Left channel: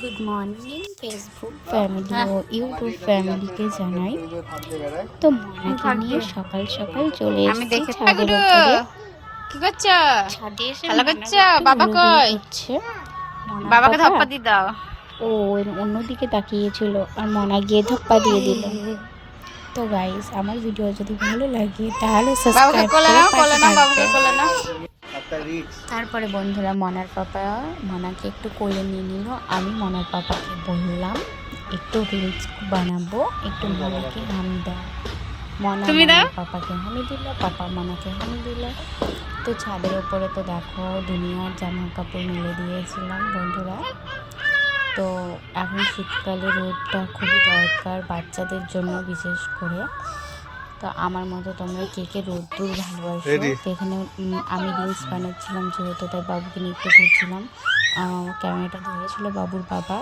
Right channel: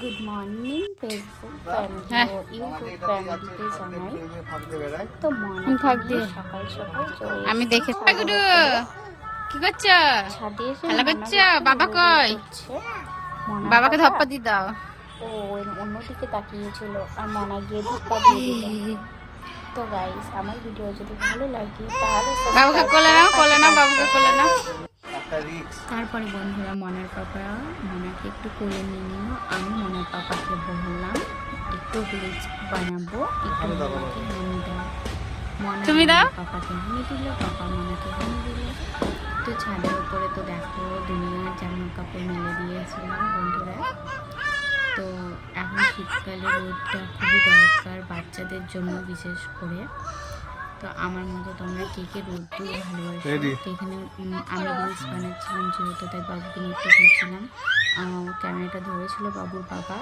Good morning Facebook family ও YouTube ফ্যামিলিকে জানাই। তো মনাকে নিয়ে সকাল সকাল চলে এসেছি ছাদের উপরে। কি করছো? ছাদে এসে খেলা করছো? বাবা কই? বাবাকে ধপ্পা দিয়ে দাও। ও অন্যদিকে তাকিয়েছিল আর মনা গিয়ে ধপ্পা দিয়ে দিল। তো গাইস, আমার ভিডিও যদি ভালো লাগে তাহলে সাবস্ক্রাইব করে পাশে থাকবেন। তারপরে বন্ধুরা মনার পাপা মনাকে একটু কোলে নিয়ে নিল। আমি মনার পাপাকে বললাম একটু রিলস বানাবো, একটু মনাকে হামি দাও। মনা মনার পাপাকে হামি দিল, পাপা মনাকে হামি দিল। তো ছাদের উপরে তো দেখো দুনিয়ার জামা কাপড় মেলে দিয়েছিলাম বন্ধুরা। তো এখন শীতকালে রোদটা খুবই দরকার বাচ্চাদের জন্য বিশেষ করে। তো আমার মতো তোমরা কে কে রোদ্দুর ভালোবাসো। তো এখানে আমি রিলস বানাচ্ছিলাম যেহেতু, তাই বাবুকে নিয়ে একটু ঘুরছিলাম। ক্যামেরাটা ধরেছিল বাবুর বাবা।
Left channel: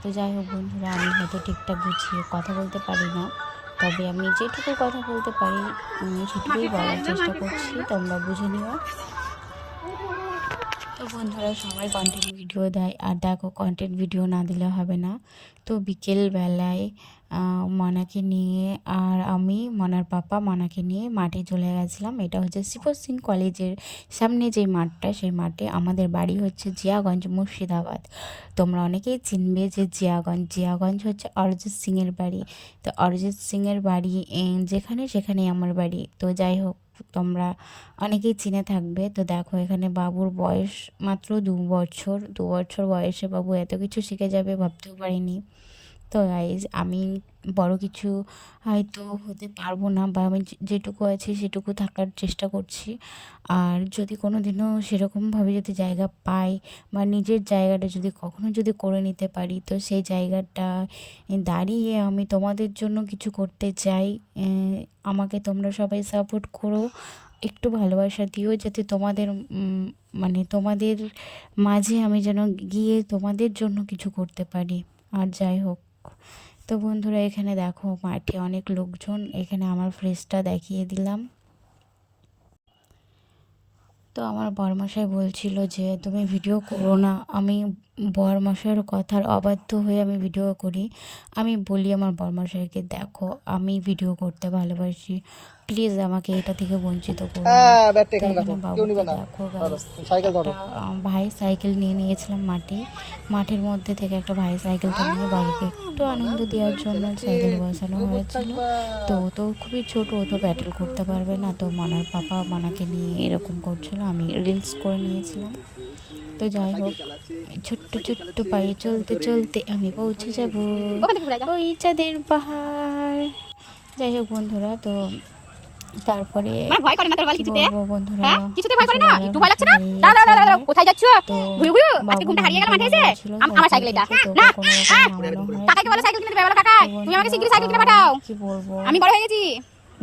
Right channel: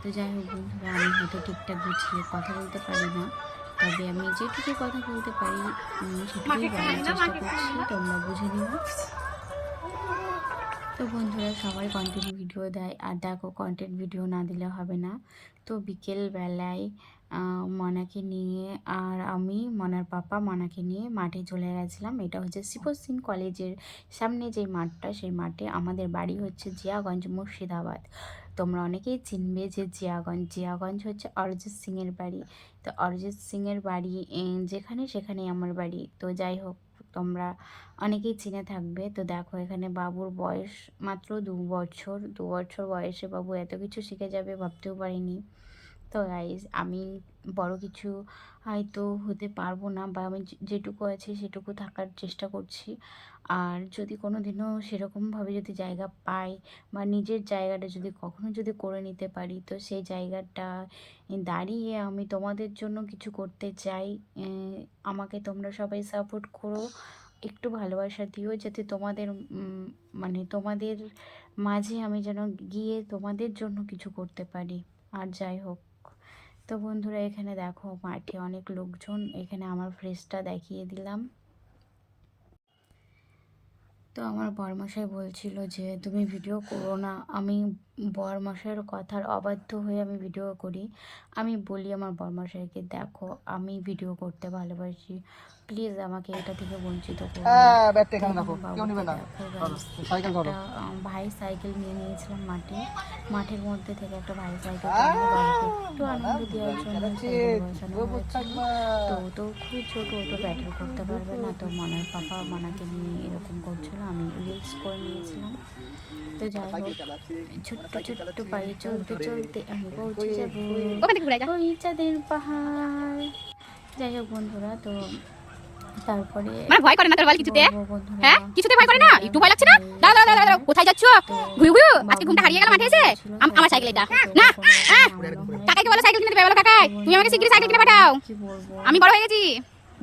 তো যাই হোক বন্ধুরা, আমি হয়তো ঠিকঠাক গুছিয়ে কথা বলতে পারি না, তবে আমি যেটুকু কথা বলতে পারি সেটুকুই বলার চেষ্টা করছি, তোমরা বুঝে নিও। তো বন্ধুরা সবাই কন্টেন্ট ভিডিও দেয়, আর দেখো কন্টেন্ট ভিডিও না দিলে হবে না। তো বিকেলবেলায় মনাকে নিয়ে আর আমি মনার পাপা মনাকে নিয়ে মাঠে চলে গেছিলাম। এটা হচ্ছে শিবর সিং কলেজের সামনে যে মাঠটা, সেই মাঠে আমাদের বাড়ি হচ্ছে জিয়াগঞ্জ, মুর্শিদাবাদ। তোমরা অনেকেই চিনবে যে জিয়াগঞ্জ হচ্ছে অরিজিৎ সিংয়ের বাড়ি। তো অরিজিৎ সিংয়ের বাড়ি যেখানে সেখানেই আমার বাড়ি। তো যাই হোক, তোমরা অনেকেই চিনে থাকবে। তো দেখো এখানে বাবুর বয়স মাত্র 2 বছর। 2 বছর বয়সে বাবু এত কিছু শিখে যাবে ভাবতেও পারিনি। তো গাইজ, আমি বড় কিছু হয়তো হতে পারবো না, বা আমি যেটুকু আছি সেটুকু থাকার চেষ্টা করছি। আর যদি কোনো দিনও সেরকমভাবে যদি জায়গা পাই, বা নিজের জায়গাটা যদি কখনো যদি করে নিতে পারি, তো সেই জায়গাটা দাঁড়িয়ে আমি তোমাদের জন্য কিছু করতে চাই। আমাকে তোমরা সবাই সাপোর্ট করো, একটু ভালোবাসা দিও, যাতে তোমাদের মানে তোমাদের মাঝে আমি যেন গিয়ে তোমাদের জন্য কিছু করতে পারি। আর যাই হোক, তো বন্ধুরা এখানে দেখো মাঠে অনেক লোকজন। এখানে আমার ফ্রেজটা দেখিয়ে দিলাম। তো আমার বরমশাই বলছিল যে তুমি ভিডিও করো না। আমি বরমশাইয়ের কথার অবাধ্য হয়ে আমি ভিডিও করি। আমি বলি আমার বরমশাইকে, দেখো আমি ভিডিও করতে ভালোবাসি, প্লিজ আমাকে এটা থেকে বঞ্চিত করো না। দেখো ভাই সাইকেল নিয়ে নিয়েছিলাম মাঠের মধ্যে থেকে একটা ভাই সাইকেলটা নিয়ে বাবাকে একটু আনন্দ দেওয়ার জন্য সাইকেলে বসানো হয়েছিল। তো ও তো খুবই ছোটো, ও তো ব্যাটেল করতে পারবে না। তো মনার পাপা মনাকে নিয়ে এরকম করছিল, আমি রিলস করে নিয়েছিলাম। তো যাই হোক, ছোট্ট ছোট্ট পায়ে চলতে চলতে আমি পৌঁছে যাব ওই চাঁদের পাহাড়। যাই হোক বন্ধুরা, তো তারপরে ভয় করে না তোর বল কিছুতে? হ্যাঁ, কিছুতে ভয় করে না? একটু ভয় লাগছে না? দাঁড়া দাঁড়া দাঁড়া, কোথায় যাচ্ছ? ঘুরু ঘুরু, আজকে ঘুমটা হারিয়ে গেল মাঠে এসে। আমার সাইকেলে ডাক না। কাকাকে বলো সাইকেল কিনে দেবে, বলো কাকাই তুমি আমাকে শিগগিরই সাইকেল কিনে পাঠাও, আমি বড় হয়ে গেছি।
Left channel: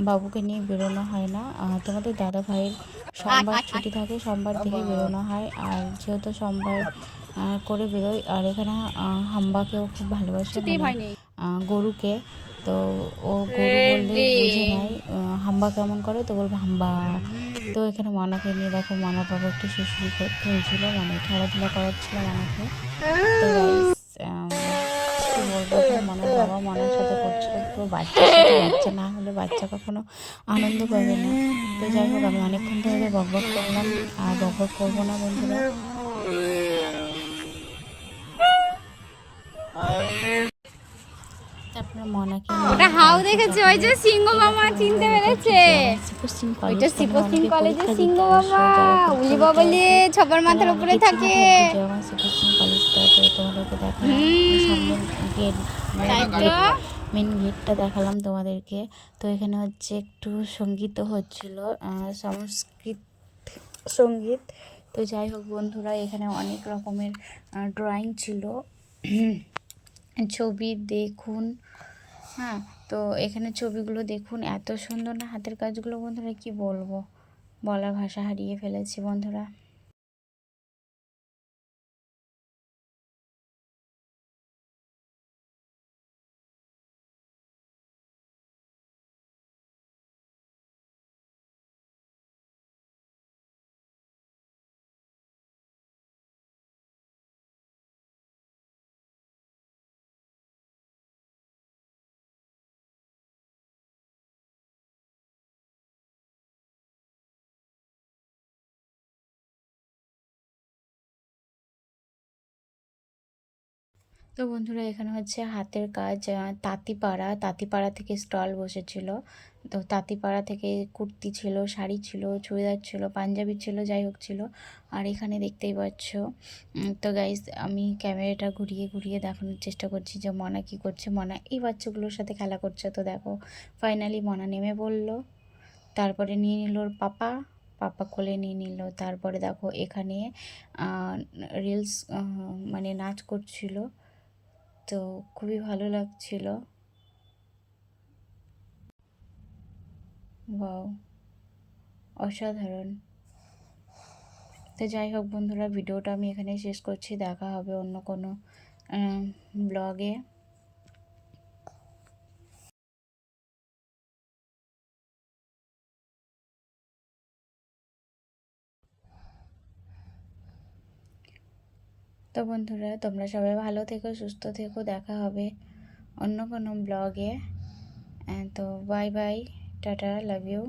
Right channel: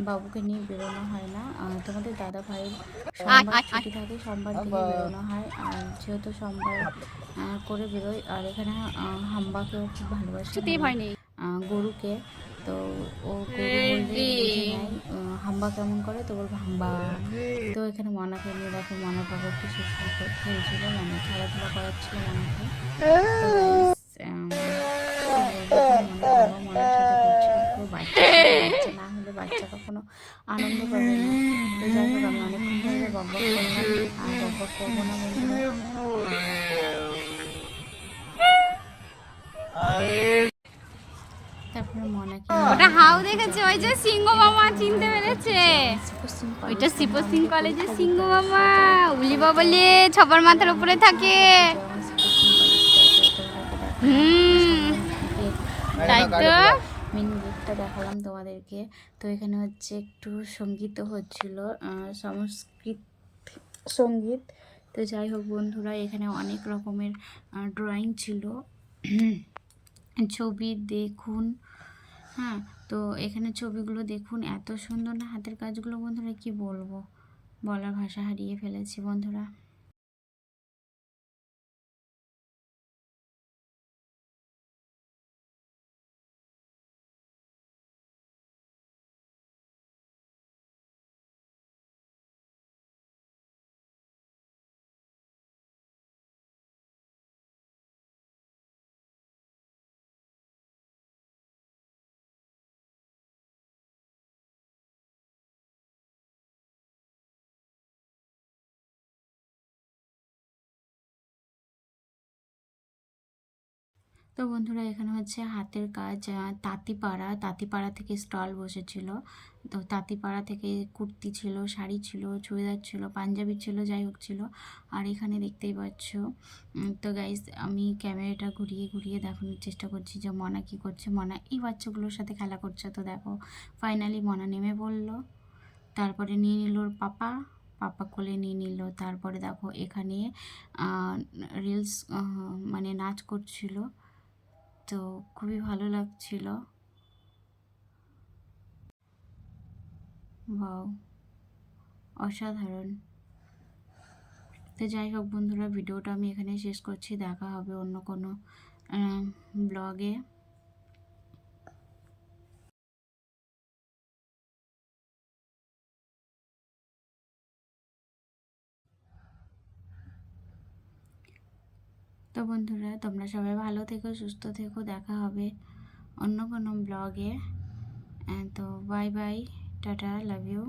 বাবুকে নিয়ে বেরোনো হয় না। তোমাদের দাদা ভাইয়ের সোমবার ছুটি থাকে, সোমবার থেকে বেরোনো হয়। আর যেহেতু সোমবার করে বেরোই, আর এখানে হাম্বাকেও খুব ভালোবাসে, গরুকে। তো ও গরু বললে বুঝে নেয় হাম্বা কেমন করে, তো বলবো হাম্বা। তো এখানে মনাকে নিয়ে দেখো, মনা বাবা একটু শুশুরি খেলছিল, মানে খেলাধুলা করাচ্ছিল মনাকে। তো কি বলবো, মনার বাবা মনার সাথে করছিল পুরো বাচ্চা না হলে বাচ্চা কখনো আনন্দ পাবে না। তো যাই হোক, আমি অনেকক্ষণ ধরে বকবক করলাম, আর বকবক করবো না বন্ধুরা। ওটা হাউ দেখেছে, ওই যে সিংহ মামা চিনতে পেরেছে। ওইটা শিবর সিং কলেজের সিংহ মামা, উলি বাবলি ছবার মাথার উপরে থাকে। তাই তো মেন গেটটা দেখালাম তোমাদেরকে। তো এখানে হচ্ছে একটু সঙ্গীতও হচ্ছিল, সঙ্গীত। তো যাই হোক বন্ধুরা, এখানে অনেক রকমের ড্রয়িং ছিল, ছবি দেখুন। হ্যাঁ, তো এখানে ছবিগুলো দেখুন, এত সুন্দর না হাতের কাজগুলো বন্ধুরা, কি বলবো, বলার ভাষা হারিয়ে ফেলেছি বন্ধুরা। তো বন্ধুরা এখানে হচ্ছে হাতের কাজ, তাঁতিপাড়া থেকে স্টল বসেছিল। তো তাঁতিপাড়া থেকে কুর্তি ছিল, শাড়ি ছিল, চুড়িদার ছিল, পাঞ্জাবি ছিল, যাই হোক ছিল। আর এখানে দেখতেই পাচ্ছ। তো গাইস আমি ক্যামেরাটা ঘুরিয়ে ঘুরিয়ে দেখানোর চেষ্টা করছি যে মনা কী করছে। মনা এই বাচ্চাগুলোর সাথে খেলা করছে। তো দেখো ফাইনালি মনা নেমে পড়লো, তারপরে নিয়ে নিল ওর পাপা কোলে নিয়ে নিল। তারপরে দেখো এখানে রিলস মানে নাচ করছিল। তো খুবই ভালো লাগছিল। ওয়াও, অসাধারণ। তো যাই হোক বন্ধুরা, ভিডিওটা আমি এখানে শেষ করছি। দেখা হবে অন্য কোনো ব্লগে। তো বন্ধুরা তোমরা সবাই ভালো থেকো, সুস্থ থেকো। দেখা হবে অন্য কোনো ব্লগে। তো bye bye, tata, love you.